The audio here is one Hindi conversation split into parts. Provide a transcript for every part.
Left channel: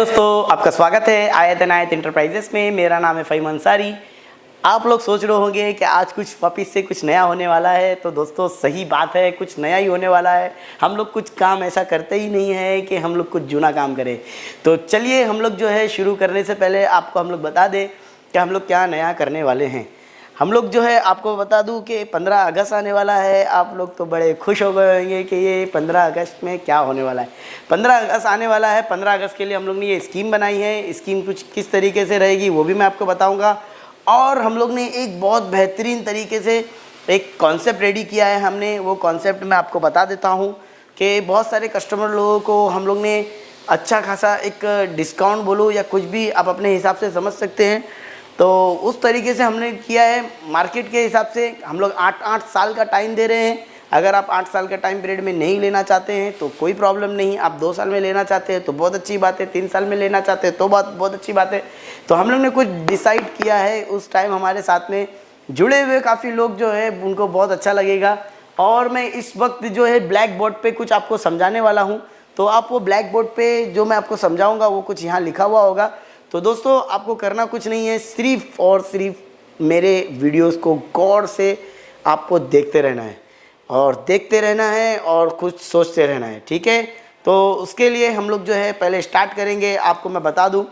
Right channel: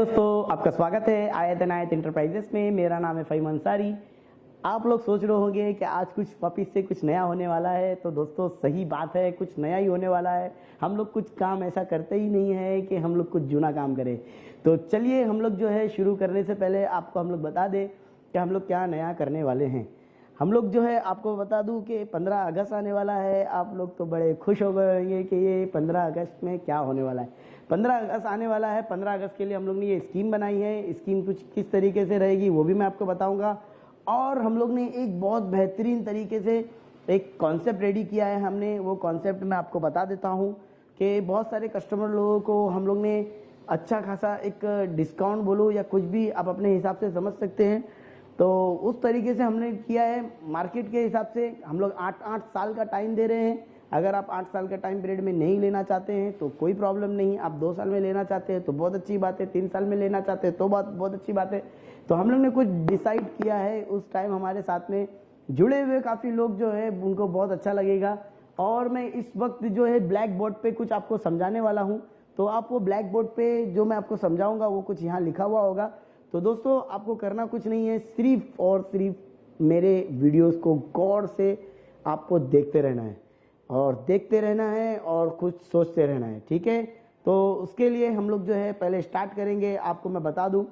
दोस्तों, आपका स्वागत है आयत अनायत इंटरप्राइजेस में। मेरा नाम है फ़हीम अंसारी। आप लोग सोच रहे होंगे कि आज कुछ वापिस से कुछ नया होने वाला है, तो दोस्तों सही बात है, कुछ नया ही होने वाला है। हम लोग कुछ काम ऐसा करते ही नहीं है कि हम लोग कुछ जूना काम करें। तो चलिए हम लोग जो है शुरू करने से पहले आपको हम लोग बता दें कि हम लोग क्या नया करने वाले हैं। हम लोग जो है आपको बता दूं कि 15 अगस्त आने वाला है। आप लोग तो बड़े खुश हो गए होंगे कि ये 15 अगस्त में क्या होने वाला है। 15 अगस्त आने वाला है। 15 अगस्त के लिए हम लोग ने ये स्कीम बनाई है। स्कीम कुछ किस तरीके से रहेगी वो भी मैं आपको बताऊंगा। और हम लोग ने एक बहुत बेहतरीन तरीके से एक कॉन्सेप्ट रेडी किया है। हमने वो कॉन्सेप्ट मैं आपको बता देता हूँ कि बहुत सारे कस्टमर लोगों को हम लोग ने अच्छा खासा एक डिस्काउंट बोलो या कुछ भी आप अपने हिसाब से समझ सकते हैं, तो उस तरीके से हमने किया है। मार्केट के हिसाब से हम लोग 8 साल का टाइम दे रहे हैं। अगर आप 8 साल का टाइम पीरियड में नहीं लेना चाहते हैं तो कोई प्रॉब्लम नहीं। आप 2 साल में लेना चाहते हैं तो बहुत अच्छी बात है, 3 साल में लेना चाहते हैं तो बहुत अच्छी बात है। तो हम लोग ने कुछ डिसाइड किया है। उस टाइम हमारे साथ में जुड़े हुए काफ़ी लोग जो है उनको बहुत अच्छा लगेगा। और मैं इस वक्त जो है ब्लैक बोर्ड पर कुछ आपको समझाने वाला हूँ, तो आप वो ब्लैक बोर्ड पर जो मैं आपको समझाऊँगा वो कुछ यहाँ लिखा हुआ होगा। तो दोस्तों आपको करना कुछ नहीं है, सिर्फ और सिर्फ मेरे वीडियोस को गौर से आपको देखते रहना है और कुछ सोचते रहना है, ठीक है। तो उसके लिए हम लोग जो है पहले स्टार्ट करेंगे। आपको मैं बता दूं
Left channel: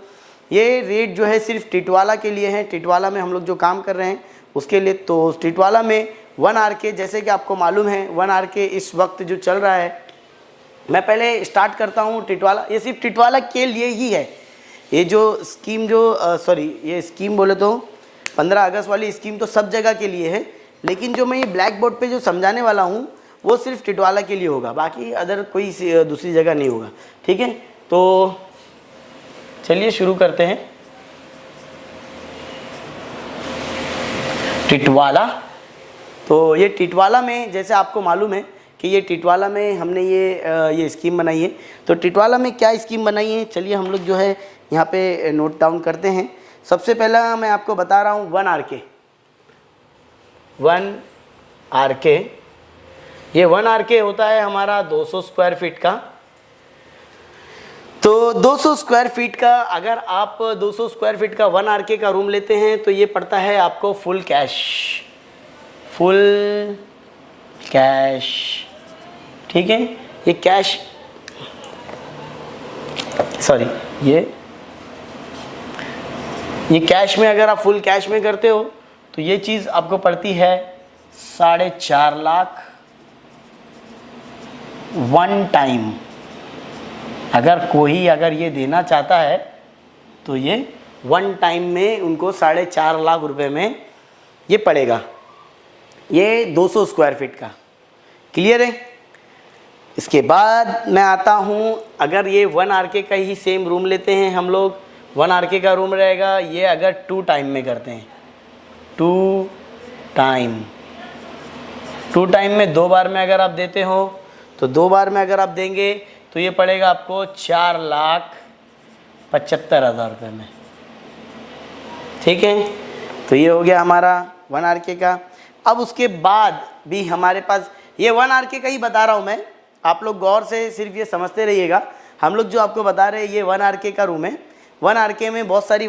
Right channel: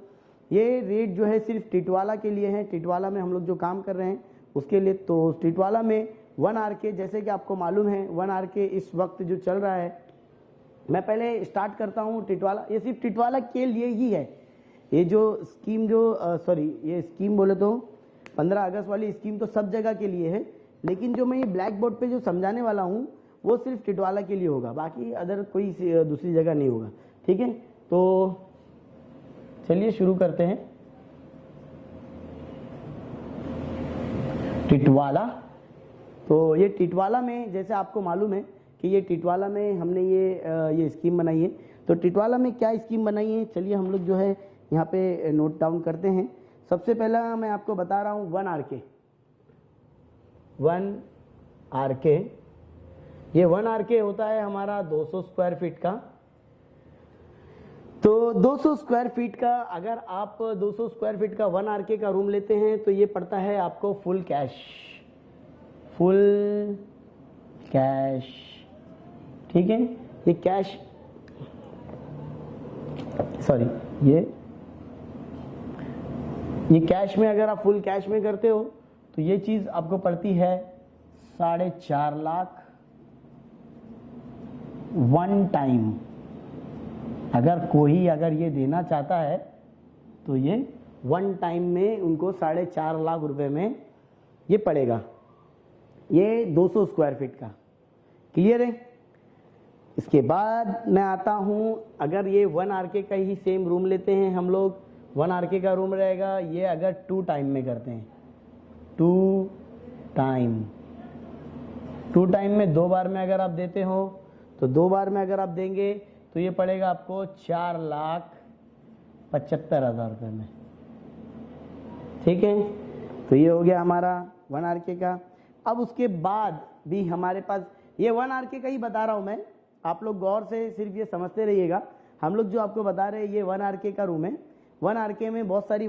ये रेट जो है सिर्फ टिटवाला के लिए है। टिटवाला में हम लोग जो काम कर रहे हैं उसके लिए। तो टिटवाला में 1 RK, जैसे कि आपको मालूम है 1 RK इस वक्त जो चल रहा है, मैं पहले स्टार्ट करता हूँ टिटवाला। ये सिर्फ टिटवाला के लिए ही है। ये जो स्कीम ये स्कीम बोले तो 15 अगस्त वाली स्कीम तो सब जगह के लिए है, लेकिन जो मैं ये ब्लैक बोर्ड पे जो समझाने वाला हूँ वो सिर्फ टिटवाला के लिए होगा, बाकी अदर कोई दूसरी जगह नहीं होगा, ठीक है। तो चलिए शुरू करते हैं। टिटवाला, तो ये टिटवाला में जैसे आपको मालूम है कि ये टिटवाला में हमने ये स्कीम बनाई है। तो टिटवाला में क्या स्कीम बनाई है, चलिए हम लोग जो है यहाँ पे नोट डाउन करते हैं। सबसे पहला मैं आपको बता रहा हूँ 1 RK। ये 1 RK होता है हमारा 200 स्क्वायर फीट का। तो 200 स्क्वायर फीट का अगर आप 200 स्क्वायर फीट का 1 RK का रूम लेते हैं तो ये पड़ता है आपको फुल कैश, ठीक है। ये कैश ये कैश में अगर आप फुल कैश में करते हो तो ये चीज़ आपको पड़ती है 4.5 लाख 1 टाइम। अगर ये देना चाहता है तो ये 1 टाइम में उनको 4.5 लाख रुपए में ये पड़ेगा। ये 200 स्क्वायर फीट का, क्लियर है। इसके बाद मैं आता हूँ, अगर ये 1 RK का ही सेम रूम लेते हैं हम लोग, 1 RK का रूम रहेगा। ये अगर 2 टाइम में करते हैं, 2 टाइम में 2 बार में अगर आप देते हो तो 2 बार में अगर आप देंगे तो ये पड़ेगा आपको 4,75,000 रुपये में, ठीक है। तो ये हो गया हमारा 1 RK का। अब उसके बाद भी हमारे पास ये 1 RK का ही बता रहा हूँ मैं, आप लोग गौर से सिर्फ ये समझते रहिएगा। हम लोग जो आपको बता रहे हैं ये 1 RK का रूम है। 1 RK में बहुत सारी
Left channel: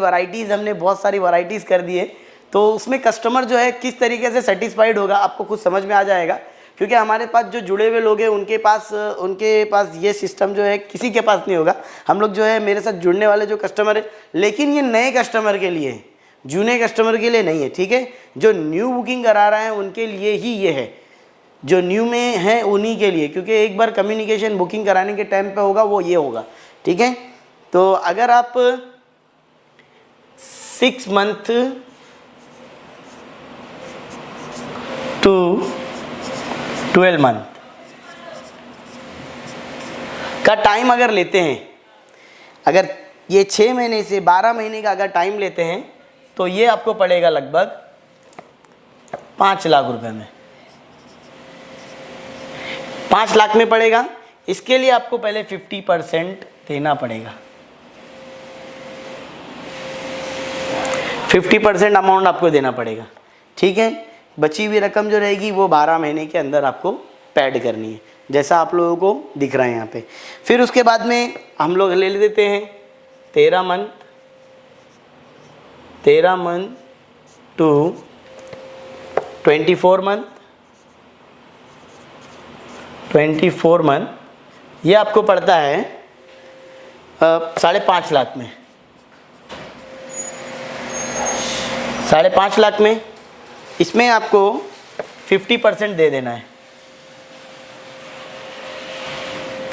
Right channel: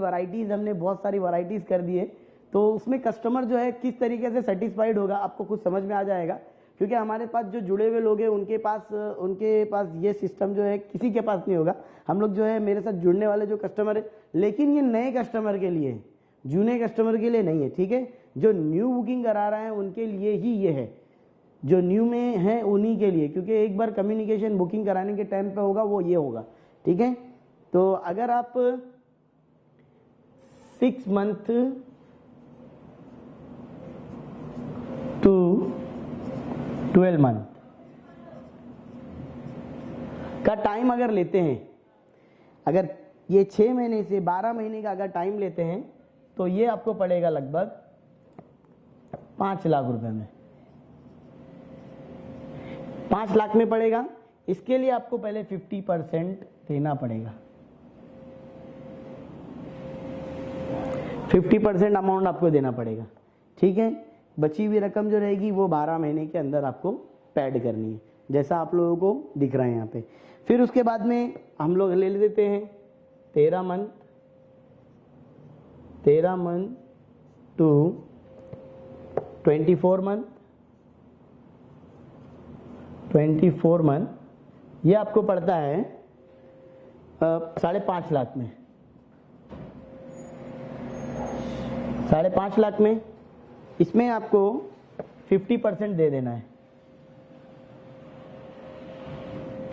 वैरायटीज़ कर दी है। तो उसमें कस्टमर जो है किस तरीके से सेटिस्फाइड होगा आपको खुद समझ में आ जाएगा, क्योंकि हमारे पास जो जुड़े हुए लोग हैं उनके पास ये सिस्टम जो है किसी के पास नहीं होगा। हम लोग जो है मेरे साथ जुड़ने वाले जो कस्टमर है, लेकिन ये नए कस्टमर के लिए है, जूने कस्टमर के लिए नहीं है, ठीक है। जो न्यू बुकिंग करा रहे हैं उनके लिए ही ये है, जो न्यू में है उन्हीं के लिए, क्योंकि एक बार कम्युनिकेशन बुकिंग कराने के टाइम पे होगा वो ये होगा, ठीक है। तो अगर आप 6 मंथ टू 12 मंथ का टाइम अगर लेते हैं, अगर ये 6 महीने से 12 महीने का अगर टाइम लेते हैं तो ये आपको पड़ेगा लगभग 5 लाख रुपए में, 5 लाख में पड़ेगा। इसके लिए आपको पहले 50% देना पड़ेगा। 50% अमाउंट आपको देना पड़ेगा, ठीक है। बची हुई रकम जो रहेगी वो 12 महीने के अंदर आपको पैड करनी है, जैसा आप लोगों को दिख रहा है यहाँ पे। फिर उसके बाद में हम लोग ले लेते हैं 13 मंथ टू 24 मंथ, ये आपको पड़ता है 5.5 लाख में, 5.5 लाख में। इसमें आपको 50% दे देना है,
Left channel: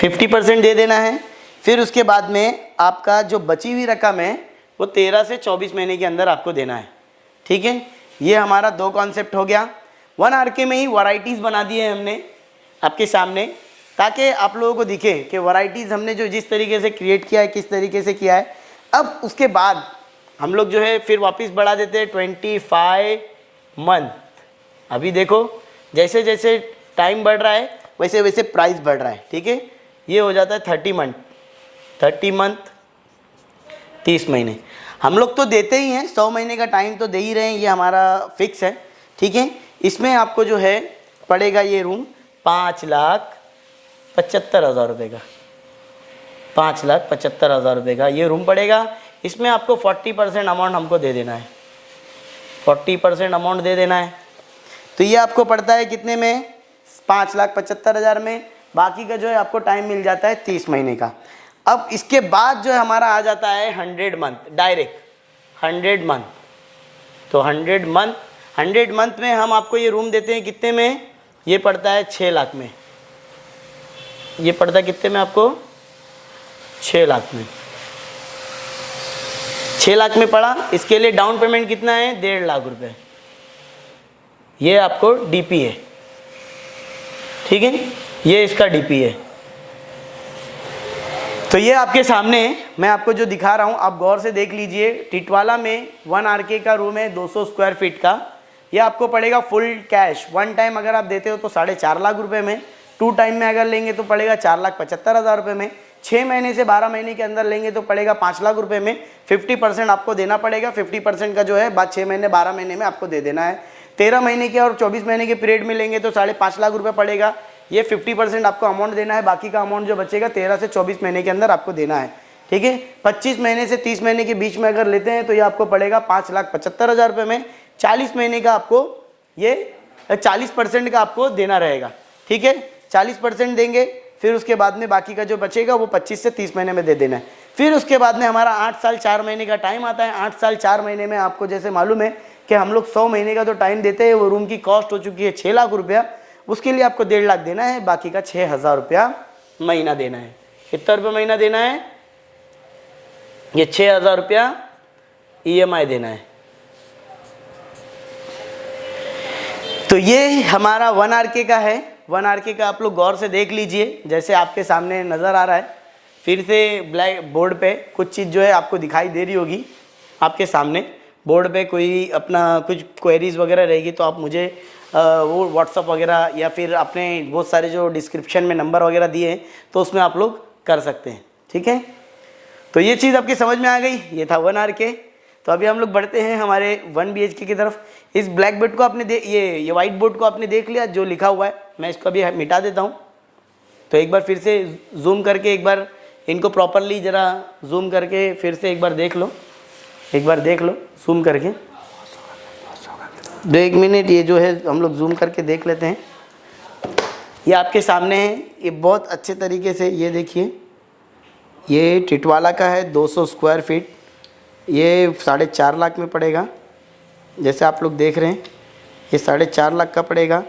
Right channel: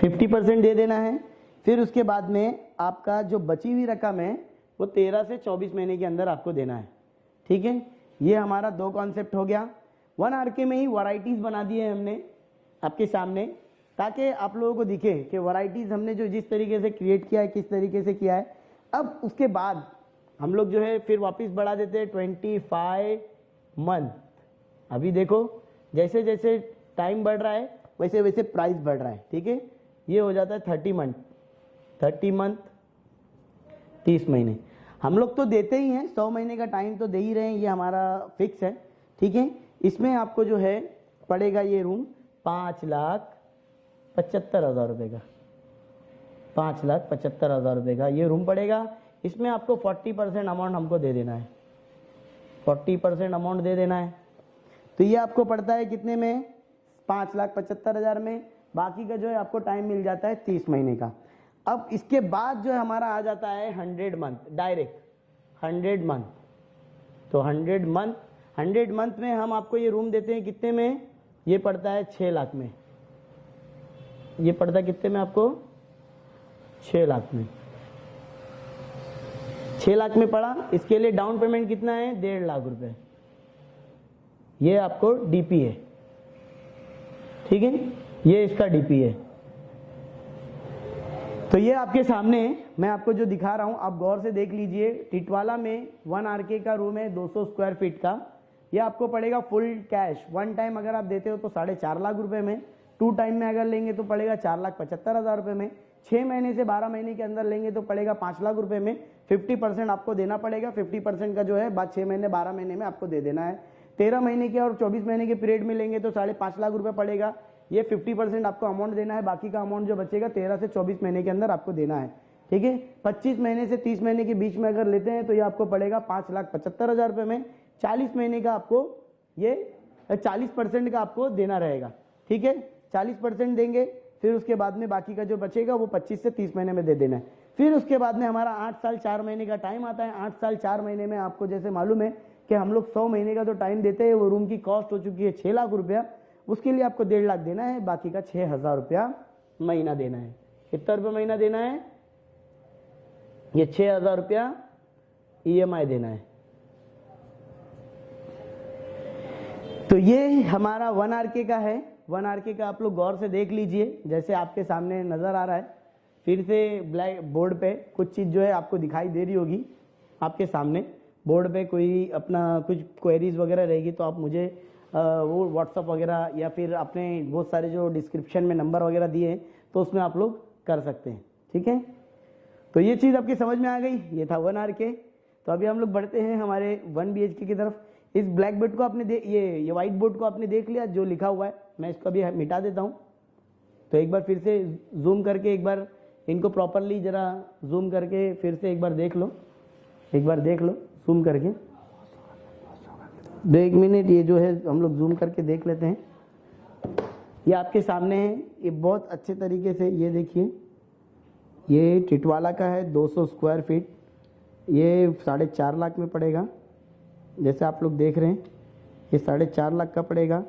50% दे देना है। फिर उसके बाद में आपका जो बची हुई रकम है वो 13 से 24 महीने के अंदर आपको देना है। ठीक है, ये हमारा 2 कॉन्सेप्ट हो गया। 1 RK में ही वैरायटीज़ बना दी है हमने आपके सामने, ताकि आप लोगों को दिखे कि वैरायटीज़ हमने जो जिस तरीके से क्रिएट किया है, किस तरीके से किया है। अब उसके बाद हम लोग जो है फिर वापस बढ़ा देते हैं 25 मंथ। अभी देखो जैसे जैसे टाइम बढ़ रहा है वैसे वैसे प्राइस बढ़ रहा है। ठीक है, ये हो जाता है 30 मंथ, 30 महीने। हम लोग तो देते ही हैं, 100 महीने का टाइम तो दे ही रहे हैं, ये हमारा फिक्स है। ठीक है, इसमें आपको जो है पड़ेगा ये रूम 5,75,000 रुपये का, 5,75,000 रुपये का ये रूम पड़ेगा। इसमें आपको 40% अमाउंट हमको दे देना है, 40% अमाउंट दे देना है। तो ये आपको पड़ता है कितने में, 5,75,000 में। बाकी का जो है आपको टाइम मिल जाता है 30 महीने का। अब इसके बाद जो है हमारा आ जाता है 100 मंथ, डायरेक्ट 100 मंथ। तो 100 मंथ में हम आपको ये रूम देते हैं कितने में, ये पड़ता है 6 लाख में। ये पड़ता है कितने में आपको, 6 लाख में, 6 लाख में पड़ा। इसके लिए डाउन पेमेंट कितना है, 1.5 लाख रुपए। ये आपको डीपी है। ठीक है, ये इसका डीपी है। तो ये आपके सामने मैं आपको जो दिखा रहा हूँ आप गौर से देख लीजिए। टिटवाला में 1 RK का रूम है 200 स्क्वायर फीट का। ये आपको पड़ेगा फुल कैश। 1 टाइम अगर आप देते हो तो 4.5 लाख रुपए में, 2 टाइम में अगर लेंगे तो पड़ेगा 4,75,000 रुपये में, 6 महीने से 12 महीने के अंदर लेंगे तो पड़ेगा 5 लाख रुपए में। 50% आपको देना पड़ेगा। 50% का जो है बाद 6 महीने 12 महीने में आपको दे देना है। 13 महीने के और 24 महीने के पीरियड में लेंगे तो 5.5 लाख रुपए पड़ेगा। ये 50% आपको अमाउंट देना है। बाकी का अमाउंट जो बचेगा 13 से 24 महीने के अंदर आपको देना है। ठीक है, 25 महीने से 30 महीने के बीच में अगर लेते हैं तो ये आपको पड़ेगा 5,75,000 रुपये में। 40 महीने का आपको ये 40% का आपको देना रहेगा। ठीक है, 40% देंगे। फिर उसके बाद में बाकी का जो बचेगा वो 25 से 30 महीने में दे देना है। फिर उसके बाद में हमारा 8 साल 4 महीने का टाइम आता है। 8 साल 4 महीने में आपको जैसे मालूम है कि हम लोग 100 महीने का तो टाइम देते हैं। वो रूम की कॉस्ट हो चुकी है 6 लाख रुपया। उसके लिए आपको 1.5 लाख देना है। बाकी का 6,000 रुपया महीना देना है। कितना रुपया महीना देना है, ये 6,000 रुपया EMI देना है। तो ये हमारा 1 RK का है। 1 RK का आप लोग गौर से देख लीजिए, जैसे आपके सामने नज़र आ रहा है। फिर से ब्लैक बोर्ड पे कुछ चीज़ जो है आपको दिखाई दे रही होगी आपके सामने। बोर्ड पे कोई अपना कुछ क्वेरीज वगैरह रहेगी तो आप मुझे वो व्हाट्सअप वगैरह या फिर अपने बहुत सारे जो डिस्क्रिप्शन में नंबर वगैरह दिए हैं तो उसमें आप लोग कर सकते हैं। ठीक है, तो ये चीज़ आपकी समझ में आ गई। ये था 1 RK। तो अभी हम लोग बढ़ते हैं हमारे 1 BHK की तरफ। इस ब्लैक बोर्ड को आपने ये वाइट बोर्ड को आपने देख लिया जो लिखा हुआ है। मैं इसको अभी मिटा देता हूँ। तो एक बार फिर से जूम करके एक बार इनको प्रॉपरली ज़रा जूम करके फिर से एक बार देख लो, जूम करके। 1 मिनट ये जो है हम लोग जूम करके देख लेते हैं। ये आपके सामने है। ये बहुत अच्छे तरीके से ये देखिए, ये टिटवाला का है 200 स्क्वायर फीट। ये 4.5 लाख में पड़ेगा। जैसे आप लोग देख रहे हैं ये 4.5 लाख का पड़ेगा।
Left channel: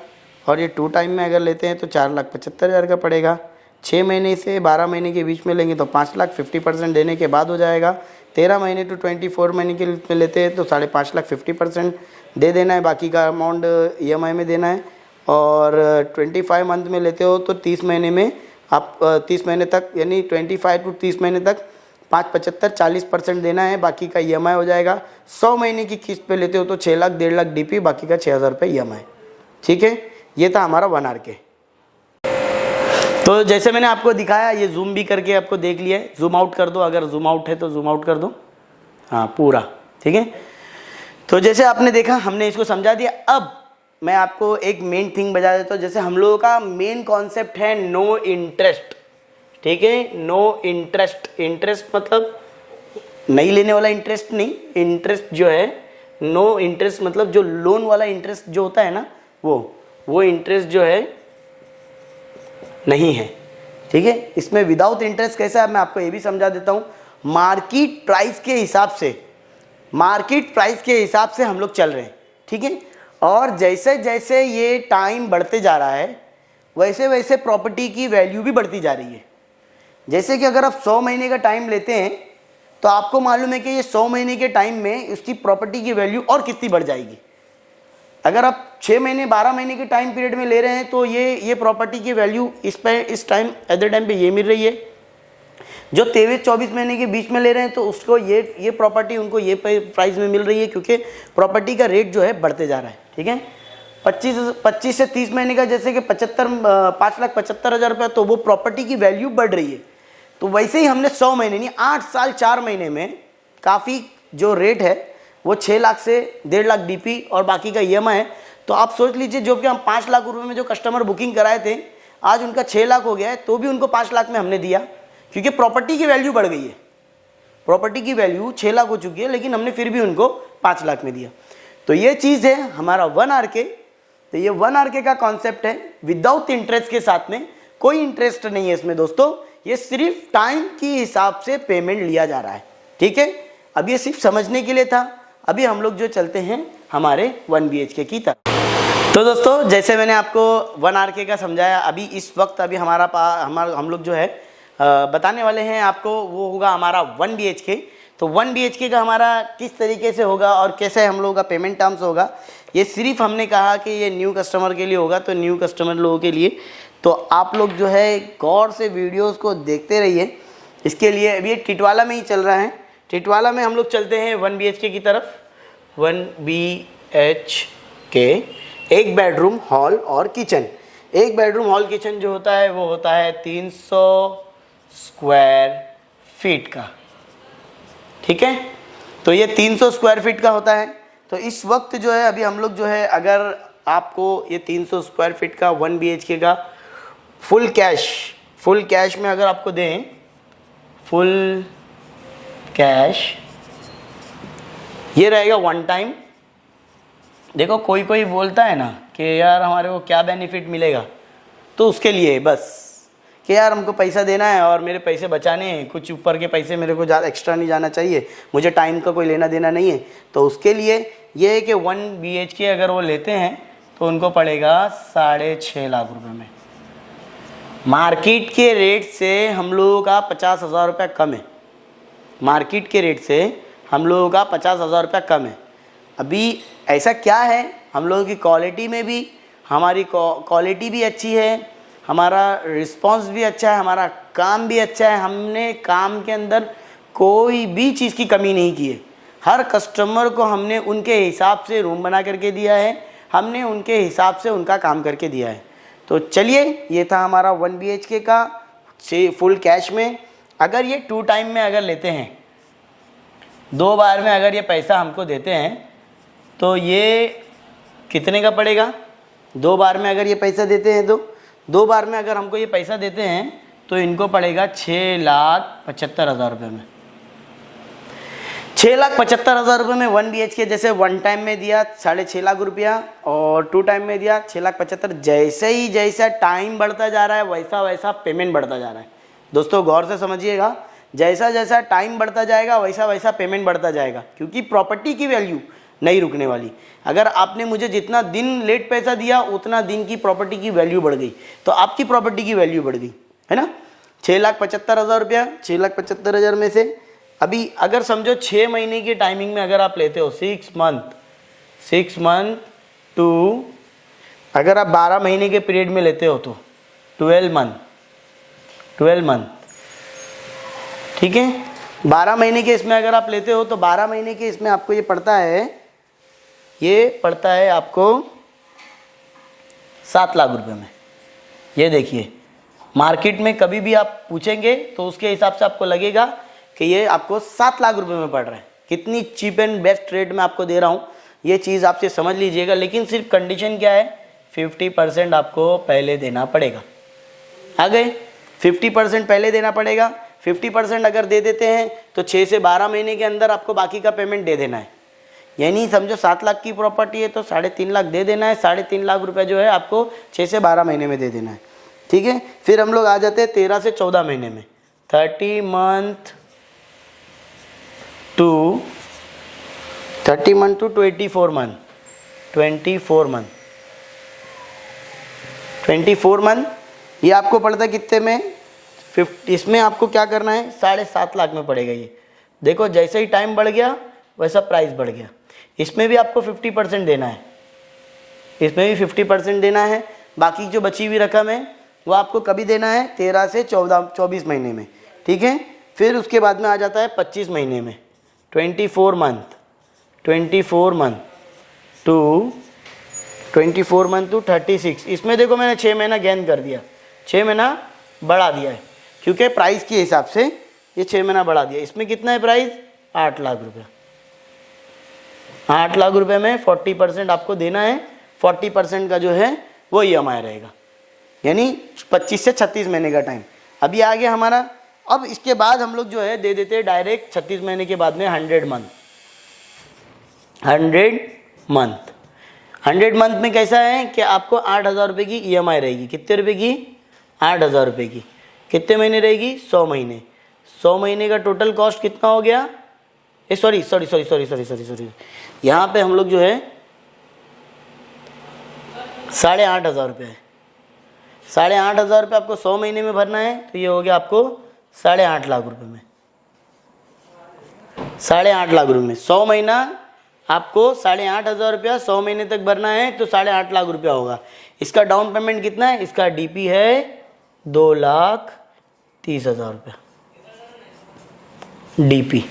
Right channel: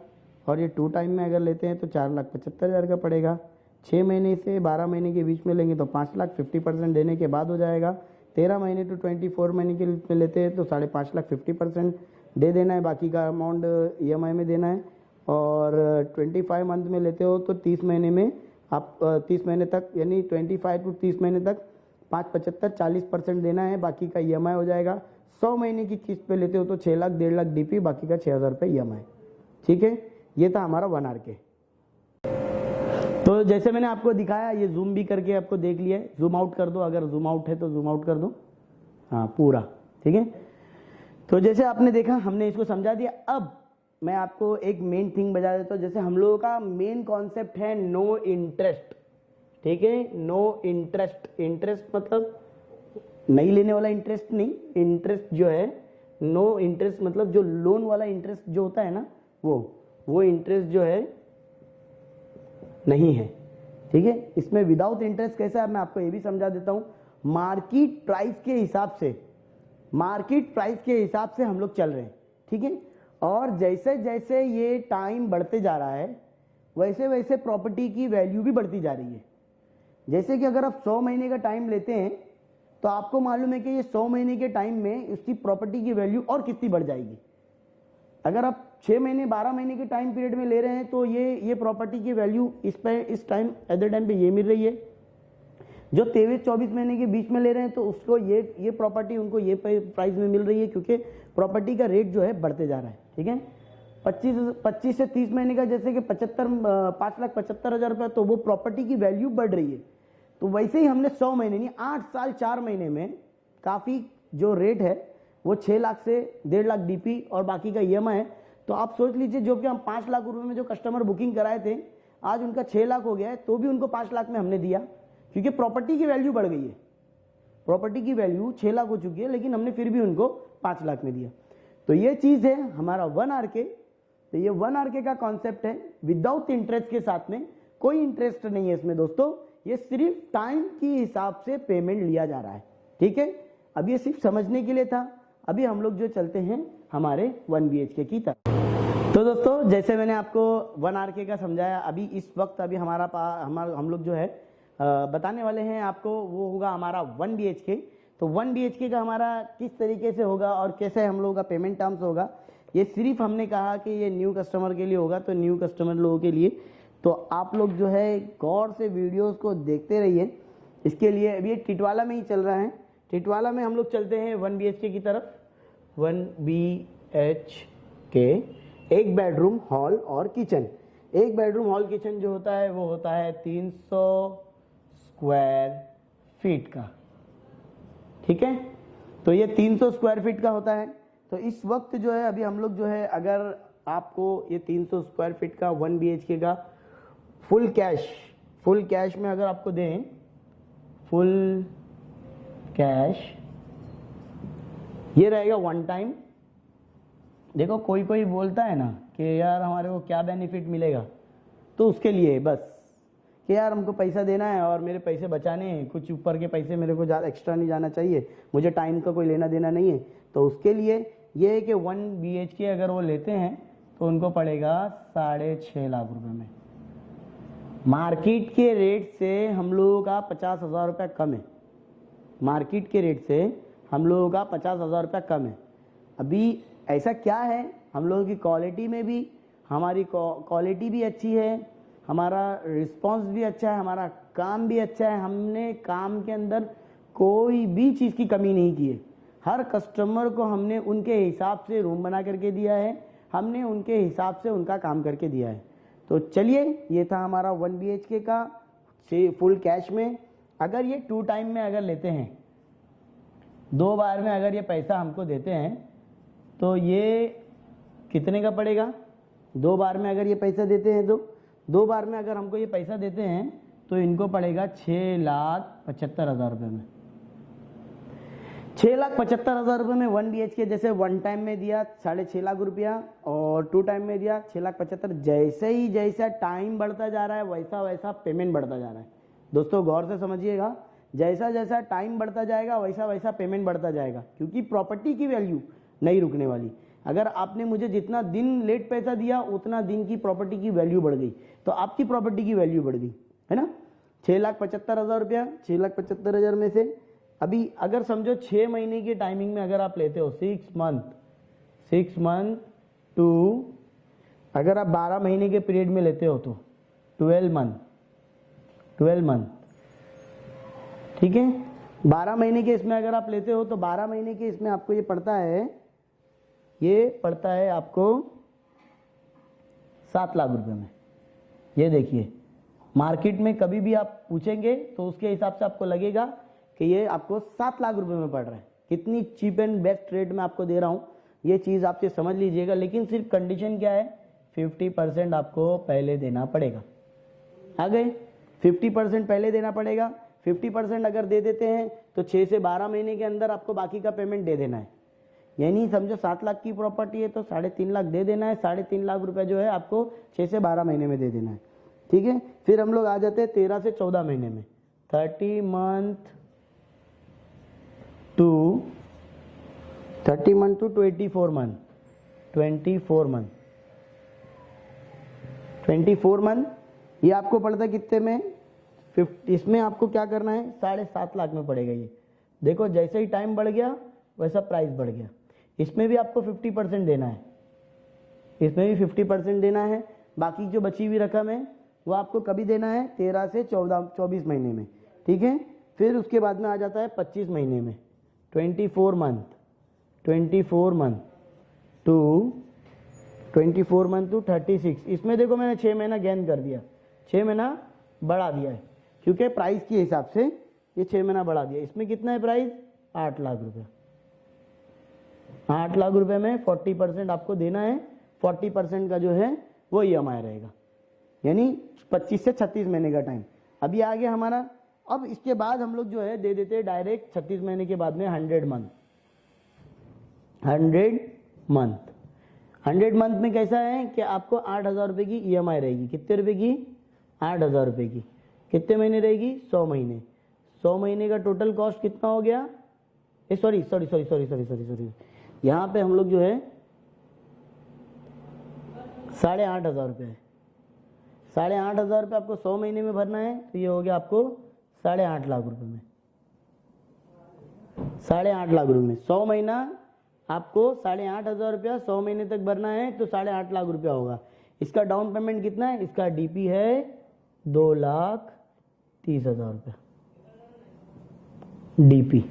और ये 2 टाइम में अगर लेते हैं तो 4,75,000 का पड़ेगा। 6 महीने से 12 महीने के बीच में लेंगे तो 5 लाख 50% देने के बाद हो जाएगा। 13 महीने टू 24 महीने के में लेते हैं तो 5.5 लाख 50% दे देना है। बाकी का अमाउंट EMI में देना है। और 25 मंथ में लेते हो तो 30 महीने में आप 30 महीने तक यानी 25 टू 30 महीने तक 5,75 40% देना है। बाकी का EMI हो जाएगा। 100 महीने की किस्त पे लेते हो तो 6 लाख 1.5 लाख DP, बाकी का 6,000 रुपये EMI। ठीक है, ये था हमारा 1 RK। तो जैसे मैंने आपको दिखाया ये जूम भी करके आपको देख लिया है। जूम आउट कर दो, अगर जूम आउट है तो जूम आउट कर दो। हाँ पूरा ठीक है। तो जैसे आपने देखा हमने इसको समझा दिया। अब मैं आपको एक मेन थिंग बता देता हूँ। जैसे हम लोगों का मेन कॉन्सेप्ट है नो इंटरेस्ट। ठीक है, नो इंटरेस्ट। इंटरेस्ट मतलब नहीं लेने वाला इंटरेस्ट नहीं, इंटरेस्ट जो है नो इंटरेस्ट मतलब जो लोन वाला इंटरेस्ट जो होता है ना वो इंटरेस्ट जो है नहीं है। ठीक है, इसमें विदाउट इंटरेस्ट कैसा है मैं आपको ये भी समझा देता हूँ। मार्केट प्राइस के हिसाब से हम लोग चल रहे हैं। ठीक है, और जैसे जैसे ये टाइम बढ़ते जा रहा है वैसे वैसे प्रॉपर्टी की वैल्यू भी बढ़ती जा रही है। जैसे कि अगर आप 100 महीने का टाइम लेते हैं तो आपको मालूम है कि ये 100 महीने के टाइम में उसकी प्रॉपर्टी की वैल्यू और कितनी बढ़ जाएगी। अगर आप 6 महीने 12 महीने के टाइम पीरियड में ले रहे हैं तो ये प्रॉपर्टी की वैल्यू इस टाइम एट द टाइम पे ये मिल रही है। जो 23-24 महीने के बीच में ले रहे हैं तो उसको ये प्रॉपर्टी उनको ये प्राइस में मिल रही है, क्योंकि प्रॉपर्टी का रेट जो है बढ़ते जा रहा है। ठीक है, 25 से 30 महीने का जैसे कि 5,75,000 रुपया, तो वो प्रॉपर्टी की वैल्यू बढ़ रही है। तो वैसे ही हमने 100 महीने नहीं 8 साल 4 महीने में काफ़ी जो रेट है वो 6 लाख से 1.5 लाख डीपी और बाकी का EMI है। तो आप सोच लीजिए, जो कि हम 5 लाख रुपए में जो कस्टमर बुकिंग कराए थे आज उनका 6 लाख हो गया है, तो भी उनको 5 लाख में हमने दिया, क्योंकि प्रॉपर्टी की वैल्यू बढ़ गई है। प्रॉपर्टी की वैल्यू 6 लाख हो चुकी है, लेकिन हमने फिर भी उनको 5 लाख में दिया। तो ये चीज़ है हमारा 1 RK। तो ये 1 RK का कॉन्सेप्ट है विदाउट इंटरेस्ट के साथ में, कोई इंटरेस्ट नहीं है इसमें दोस्तों, ये सिर्फ टाइम के हिसाब से पेमेंट लिया जा रहा है। ठीक है, अब ये सिर्फ समझने के लिए था। अभी हम लोग जो चलते हैं हमारे 1 BHK की तरफ। तो दोस्तों जैसे मैंने आपको 1 RK का समझाया, अभी इस वक्त अभी हम लोग जो है बताने वाले हैं आपको, वो होगा हमारा 1 BHK। तो 1 BHK का हमारा किस तरीके से होगा और कैसे हम लोगों का पेमेंट टर्म्स होगा, ये सिर्फ हमने कहा कि ये न्यू कस्टमर के लिए होगा। तो न्यू कस्टमर लोगों के लिए तो आप लोग जो है गौर से वीडियोस को देखते रहिए। इसके लिए अभी ये टिटवाला में ही चल रहा है। टिटवाला में हम लोग चलते हैं 1 BHK की तरफ। 1 BHK, एक बेडरूम हॉल और किचन। एक बेडरूम हॉल किचन जो होता है वो होता है 300 स्क्वायर फीट का। ठीक है, तो ये 300 स्क्वायर फीट का होता है। तो इस वक्त जो है अभी हम लोग जो है, अगर आपको ये 300 स्क्वायर फीट का 1 BHK का फुल कैश में अगर आपको दें, फुल कैश ये रहेगा 1 टाइम। देखो कोई बोलता है ना कि यार हमारे को क्या बेनिफिट मिलेगा, तो उसके लिए बस कि यार हमको पैसा देना है और मेरे पैसे बचाने हैं, कुछ ऊपर के पैसे मेरे को ज़्यादा एक्स्ट्रा नहीं जाना चाहिए, मुझे टाइम का कोई लेना देना नहीं है। तो उसके लिए ये है कि 1 BHK अगर वो लेते हैं तो उनको पड़ेगा 6.5 लाख रुपए में। मार्केट के रेट से हम लोगों का 50,000 रुपया कम है। मार्केट के रेट से हम लोगों का 50,000 रुपया कम है। अभी ऐसा क्या है, हम लोगों की क्वालिटी में भी, हमारी क्वालिटी भी अच्छी है, हमारा रिस्पांस भी अच्छा है, हमारा काम भी अच्छा है। हमने काम के अंदर कोई भी चीज़ की कमी नहीं की है। हर कस्टमर को हमने उनके हिसाब से रूम बना करके दिया है, हमने उनके हिसाब से उनका काम करके दिया है। तो चलिए, ये था हमारा 1 BHK का फुल कैश में। अगर ये 2 टाइम में अगर लेते हैं, 2 बार में अगर ये पैसा हमको देते हैं, तो ये कितने का पड़ेगा? 2 बार में अगर ये पैसा देते हैं तो 2 बार में अगर हमको ये पैसा देते हैं तो इनको पड़ेगा 6,75,000 रुपये में। 6,75,000 रुपये में 1 BHK जैसे 1 टाइम में दिया 6.5 लाख रुपया और 2 टाइम में दिया 6,75,000। जैसा टाइम बढ़ता जा रहा है वैसा वैसा पेमेंट बढ़ता जा रहा है। दोस्तों गौर से समझिएगा, जैसा टाइम बढ़ता जाएगा वैसा वैसा पेमेंट बढ़ता जाएगा, क्योंकि प्रॉपर्टी की वैल्यू नहीं रुकने वाली। अगर आपने मुझे जितना दिन लेट पैसा दिया उतना दिन की प्रॉपर्टी की वैल्यू बढ़ गई, तो आपकी प्रॉपर्टी की वैल्यू बढ़ गई, है ना। 6,75,000 रुपया, 6,75,000 में से अभी अगर समझो 6 महीने की टाइमिंग में अगर आप लेते हो 6 मंथ टू, अगर आप 12 महीने के पीरियड में लेते हो तो 12 मंथ। ठीक है, 12 महीने के इसमें अगर आप लेते हो तो 12 महीने के इसमें आपको ये पड़ता है आपको 7 लाख रुपए में। ये देखिए, मार्केट में कभी भी आप पूछेंगे तो उसके हिसाब से आपको लगेगा कि ये आपको 7 लाख रुपए में पड़ रहा है। कितनी चीप एंड बेस्ट रेट में आपको दे रहा हूँ, ये चीज़ आपसे समझ लीजिएगा। लेकिन सिर्फ कंडीशन क्या है, 50% आपको पहले देना पड़ेगा। आ गए, 50% पहले देना पड़ेगा। 50% अगर दे देते हैं तो 6 से 12 महीने के अंदर आपको बाकी का पेमेंट दे देना है। यानी समझो 7 लाख की प्रॉपर्टी है तो 3.5 लाख दे देना है, 3.5 लाख रुपए जो है आपको 6 से 12 महीने में दे देना है। ठीक है, फिर हम लोग आ जाते हैं 13 से 14 महीने में। 30 मंथ टू 24 मंथ, 24 मंथ ये आपको पड़ता है कितने में? 50। इसमें आपको क्या करना है, 7.5 लाख में पड़ेगा ये। देखो जैसे ही टाइम बढ़ गया वैसा प्राइस बढ़ गया। इसमें भी आपको 50% देना है, इसमें भी 50% देना है। बाकी जो बची हुई रकम है वो आपको कभी देना है? 13 से 24 महीने में। ठीक है, फिर उसके बाद में आ जाता है 25 महीने में, 24 मंथ टू 36। इसमें देखो मैंने 6 महीना गेन कर दिया, 6 महीना बढ़ा दिया है, क्योंकि प्राइस के हिसाब से ये 6 महीना बढ़ा दिया। इसमें कितना है प्राइस? 8 लाख रुपये। 8 लाख रुपए में 40% आपको देना है। 40% का जो है वो EMI रहेगा, यानी 25 से 36 महीने का टाइम अभी आ गया हमारा। अब इसके बाद हम लोग जो है दे देते हैं डायरेक्ट 36 महीने के बाद में 100 मंथ। 100 मंथ में कैसा है कि आपको 8,000 रुपये की EMI रहेगी। कितने रुपये की? 8,000 रुपये की। कितने महीने रहेगी? 100 महीने। 100 महीने का टोटल कॉस्ट कितना हो गया? सॉरी, यहाँ पे हम लोग जो है 8,500 रुपये है। 8,500 रुपये आपको 100 महीने में भरना है, तो ये हो गया आपको 8.5 लाख रुपये में। 8.5 लाख रुपये में 100 महीना आपको 8,500 रुपया 100 महीने तक भरना है, तो 8.5 लाख रुपया होगा। इसका डाउन पेमेंट कितना है? इसका DP है 2,30,000 रुपया, DP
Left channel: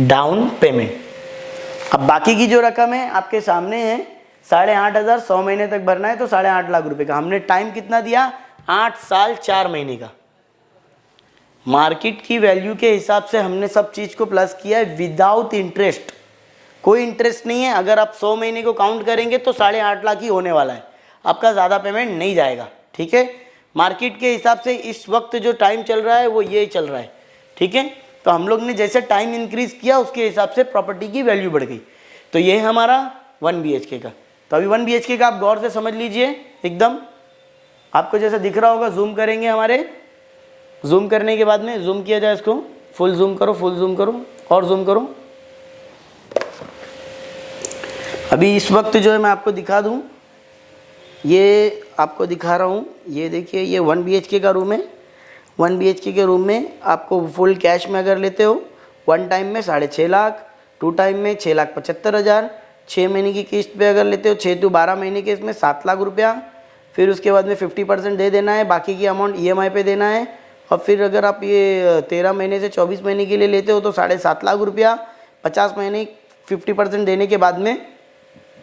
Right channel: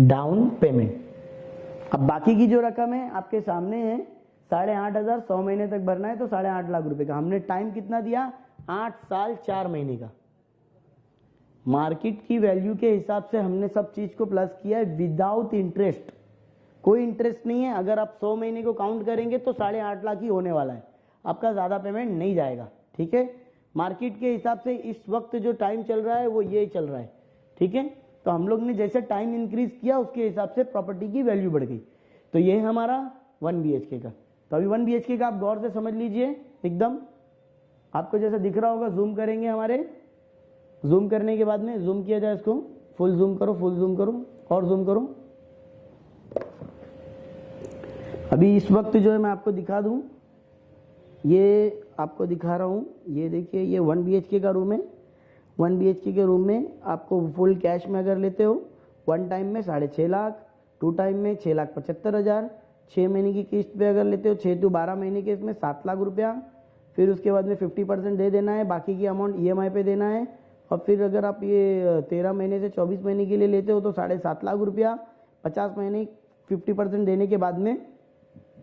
डाउन पेमेंट। अब बाकी की जो रकम है आपके सामने है, 8,500 100 महीने तक भरना है, तो 8.5 लाख रुपए का। हमने टाइम कितना दिया? 8 साल 4 महीने का। मार्केट की वैल्यू के हिसाब से हमने सब चीज को प्लस किया है विदाउट इंटरेस्ट। कोई इंटरेस्ट नहीं है। अगर आप 100 महीने को काउंट करेंगे तो 8.5 लाख ही होने वाला है, आपका ज़्यादा पेमेंट नहीं जाएगा। ठीक है, मार्केट के हिसाब से इस वक्त जो टाइम चल रहा है वो ये चल रहा है। ठीक है, तो हम लोग ने जैसे टाइम इंक्रीज किया उसके हिसाब से प्रॉपर्टी की वैल्यू बढ़ गई। तो ये है हमारा 1 BHK का। तो अभी 1 BHK का आप गौर से समझ लीजिए, एकदम आपको जैसे दिख रहा होगा। जूम करेंगे हमारे, जूम करने के बाद में जूम किया जाए इसको, फुल जूम करो, फुल जूम करो और जूम करो। अभी इस वक्त जो है मैं आपको दिखा दूं, ये आपको दिखा रहा हूँ। ये देखिए, ये 1 BHK का रूम है। 1 BHK के रूम में आपको फुल कैश में अगर लेते हो 1 टाइम में 6.5 लाख, 2 टाइम में 6,75,000, 6 महीने की किस्त पे अगर लेते हो 6 to 12 महीने के, इसमें 7 लाख रुपया। फिर उसके बाद में 50% दे देना है, बाकी की अमाउंट EMI पे देना है। और फिर अगर आप ये 13 महीने से 24 महीने के लिए लेते हो तो 7.5 लाख रुपया। 50 महीने 50% देने के बाद में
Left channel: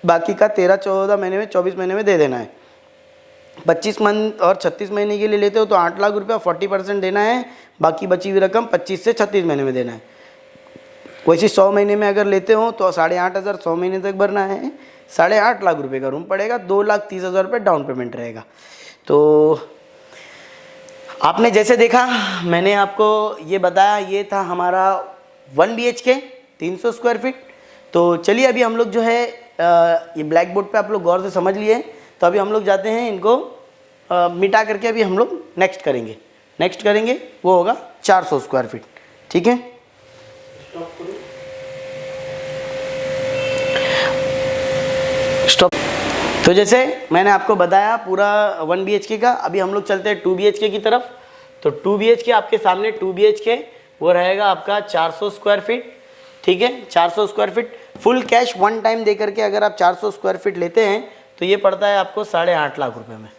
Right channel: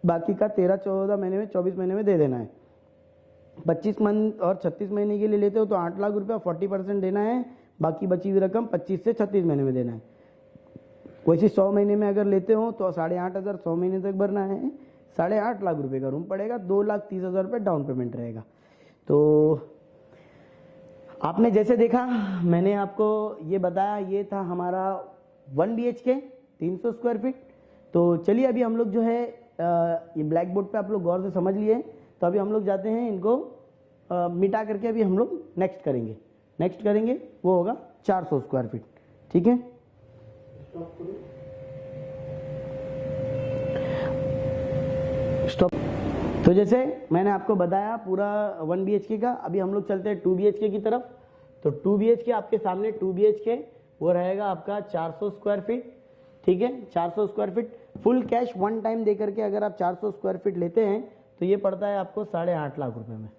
बाकी का 13-14 महीने में 24 महीने में दे देना है। 25 मंथ और 36 महीने के लिए लेते हो तो 8 लाख रुपया 40% देना है, बाकी बची हुई रकम 25 से 36 महीने में देना है। वैसे 100 महीने में अगर लेते हो तो 8,500 100 महीने तक भरना है। 8.5 लाख रुपये का रूम पड़ेगा, 2,30,000 रुपये डाउन पेमेंट रहेगा। तो आपने जैसे देखा, मैंने आपको ये बताया, ये था हमारा 1 BHK 300 स्क्वायर फीट। तो चलिए अभी हम लोग जो है ये ब्लैक बोर्ड पे आप लोग गौर से समझ लिए, तो अभी हम लोग जाते हैं इनको मिटा करके अभी हम लोग नेक्स्ट करेंगे वो होगा 400 स्क्वायर फीट। ठीक है, स्टॉप। तो जैसे मैंने आपको बताया पूरा 1 BHK का, अभी हम लोग चलते हैं 2 BHK की तरफ। तो 2 BHK आपके सामने 2 BHK वो रहेगा आपका 400 स्क्वायर फीट। ठीक है, 400 square feet full cash 1 time दे करके अगर आप 400 स्क्वायर फीट लेते हैं तो ये पड़ता है आपको 8.5 लाख रुपए में।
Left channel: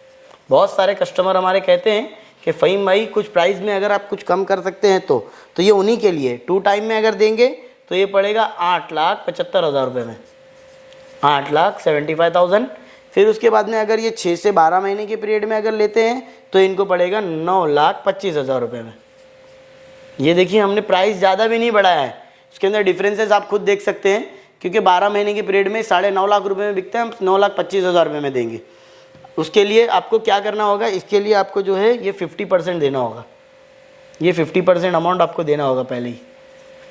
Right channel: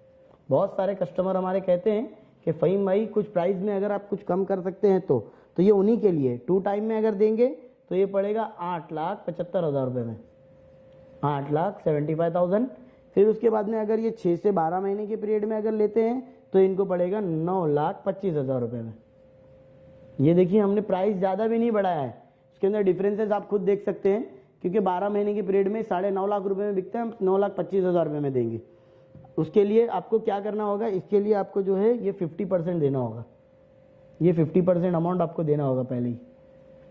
बहुत सारे कस्टमर हमारे कहते हैं कि फ़हीम भाई कुछ प्राइस में अगर आप कुछ कम कर सकते हैं तो ये उन्हीं के लिए। 2 टाइम में अगर देंगे तो ये पड़ेगा 8,75,000 रुपये में, 8,75,000। फिर उसके बाद में अगर ये 6 से 12 महीने के पीरियड में अगर लेते हैं तो इनको पड़ेगा 9,25,000 रुपये में। ये देखिए, हमने प्राइस ज़्यादा भी नहीं बढ़ाया है, इसके अंदर डिफरेंसेस आप खुद देख सकते हैं, क्योंकि 12 महीने के पीरियड में 9.5 लाख रुपए में बिकते हैं, हम 9,25,000 रुपये में देंगे। उसके लिए आपको क्या करना होगा, इसके लिए आपको जो है ये 50% देना होगा। ये 50% अमाउंट आपको देना होगा पहले ही,